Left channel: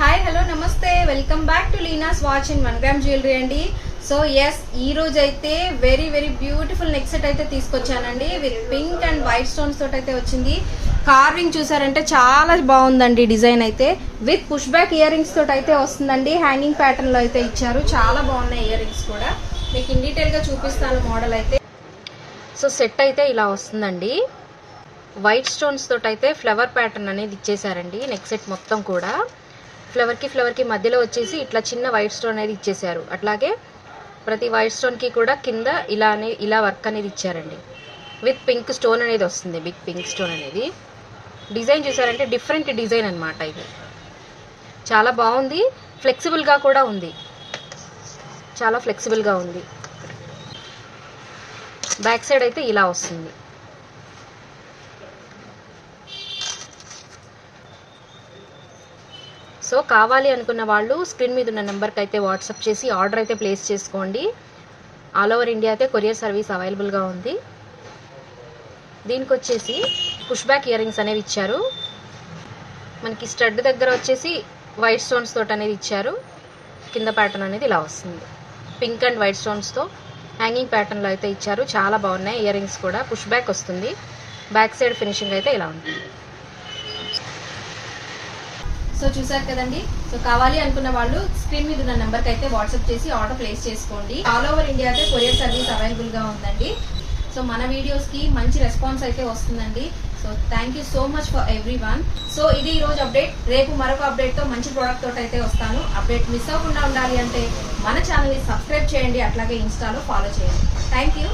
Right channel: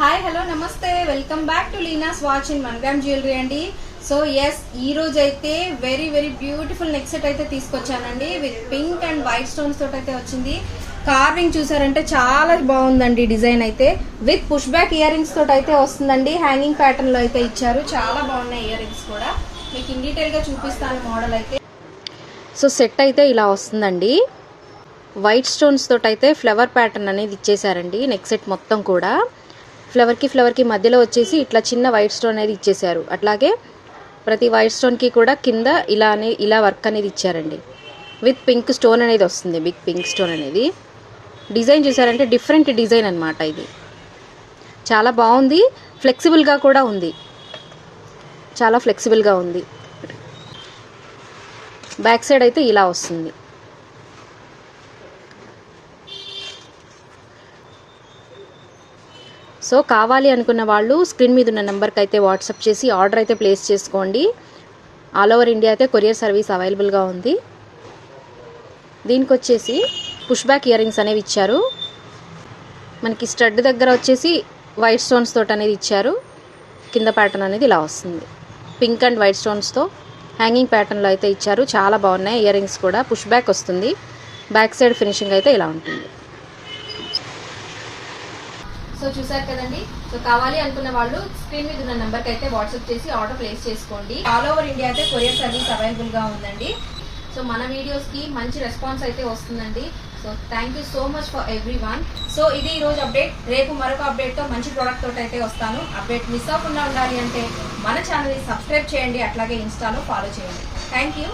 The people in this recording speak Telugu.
హాయ్ హలో నమస్తే welcome back to Leena's watch in 1 gram jewellery అండి. సో ఎస్ ఈ రోజు అయితే very very beautiful neck set అయితే తీసుకొచ్చానండి. With pink and white stones తోటి అయితే వచ్చింది. కార్వింగ్ చూసారంటే చాలా బాగుందండి. డిజైన్ అయితే with push back earrings తోటి అయితే వస్తుందండి. హ్యాంగింగ్ ప్యాటర్న్ లో అయితే ఇచ్చారు. చాలా బాగున్నాయి ఇయర్ రింగ్స్ కూడా. మీకు ఇన్ డీటెయిల్ గా చూపిస్తాను మోడల్ అయితే. సో సెట్ అయితే ఇలా వస్తుందండి. వైట్ స్టోన్స్ తోటి అయితే ఫ్లవర్ ప్యాటర్న్ అనేది ఇచ్చేసారండి. నెక్ సెట్ మొత్తం కూడా ఫ్లవర్ కి మధ్యలో వచ్చేసి ఇట్లా చిన్న వైట్ స్టోన్ అనేది ఇచ్చేసారు. అట్లాగే ప్రతి వైట్ స్టోన్ కి కూడా కింద ఇలా వర్క్ అనేది ఇచ్చారండి. విత్ పింక్ స్టోన్ అనేది వస్తుంది. బిగ్ పింక్ స్టోన్ అనేది డిజైన్ చూసారంటే డిఫరెంట్ డిజైన్ అన్నమాట. ఇది చాలా బాగుంది. ఫ్లెక్సిబుల్ గా కూడా ఉంది. చాలా ఫ్లెక్సిబుల్ గా ఉంది. బ్యాక్ సైడ్ అయితే ఇలా వస్తుంది. సో కావాలి అనుకున్న వాళ్ళు స్క్రీన్ మీద ఉన్న నెంబర్కి అయితే వాట్సాప్ చేసి ఆర్డర్ అయితే ప్లేస్ చేసుకోండి. ఆల్ ఓవర్ ఇండియా అయితే కొరియర్ సర్వీస్ అవైలబుల్గా ఉంది. దీనికి వచ్చేసి పుష్ బ్యాక్ ఇయర్ రింగ్స్ అనేవి ఇచ్చారు. మనకి స్టడ్ దగ్గర వచ్చేసి వైట్ స్టోన్స్ తోటి అనేది ఇచ్చారు. కింద ప్యాటర్న్ అనేది ఇలా వస్తుంది. పింక్ అండ్ వైట్ స్టోన్స్తో హ్యాంగింగ్ ప్యాటర్న్లో అయితే ఇచ్చారు. చాలా బాగున్నాయి ఇయర్ రింగ్స్ కూడా. పుష్ బ్యాక్ వస్తుంది. బ్యాక్ సైడ్ ఫినిషింగ్ అయితే ఇలా ఉంటుంది. సో చూసారు కదండి. సో కావాలి అనుకున్న వాళ్ళు స్క్రీన్ మీద ఉన్న నెంబర్కి అయితే వాట్సాప్ చేసి ఆర్డర్ ప్లేస్ చేసుకోండి. ఆల్ ఓవర్ ఇండియా అయితే కొరియర్ సర్వీస్ అవైలబుల్ గా ఉందండి. సో మన వీడియోస్ కి మంచి రెస్పాన్స్ అయితే వస్తుందండి. So thank you so much for everyone. So ఇది ఈ రోజు అప్డేట్. రేపు మరొక అప్డేట్ తో మంచి ప్రోడక్ట్ తోటి అయితే వస్తాను. అప్డేట్ మిస్ అవ్వకుండా ఉండాలి అంటే మన ఛానల్ ని సబ్స్క్రైబ్ చేయండి. అట్లాగే ఇన్స్టాలో ఫాలో చేయండి. Thank you.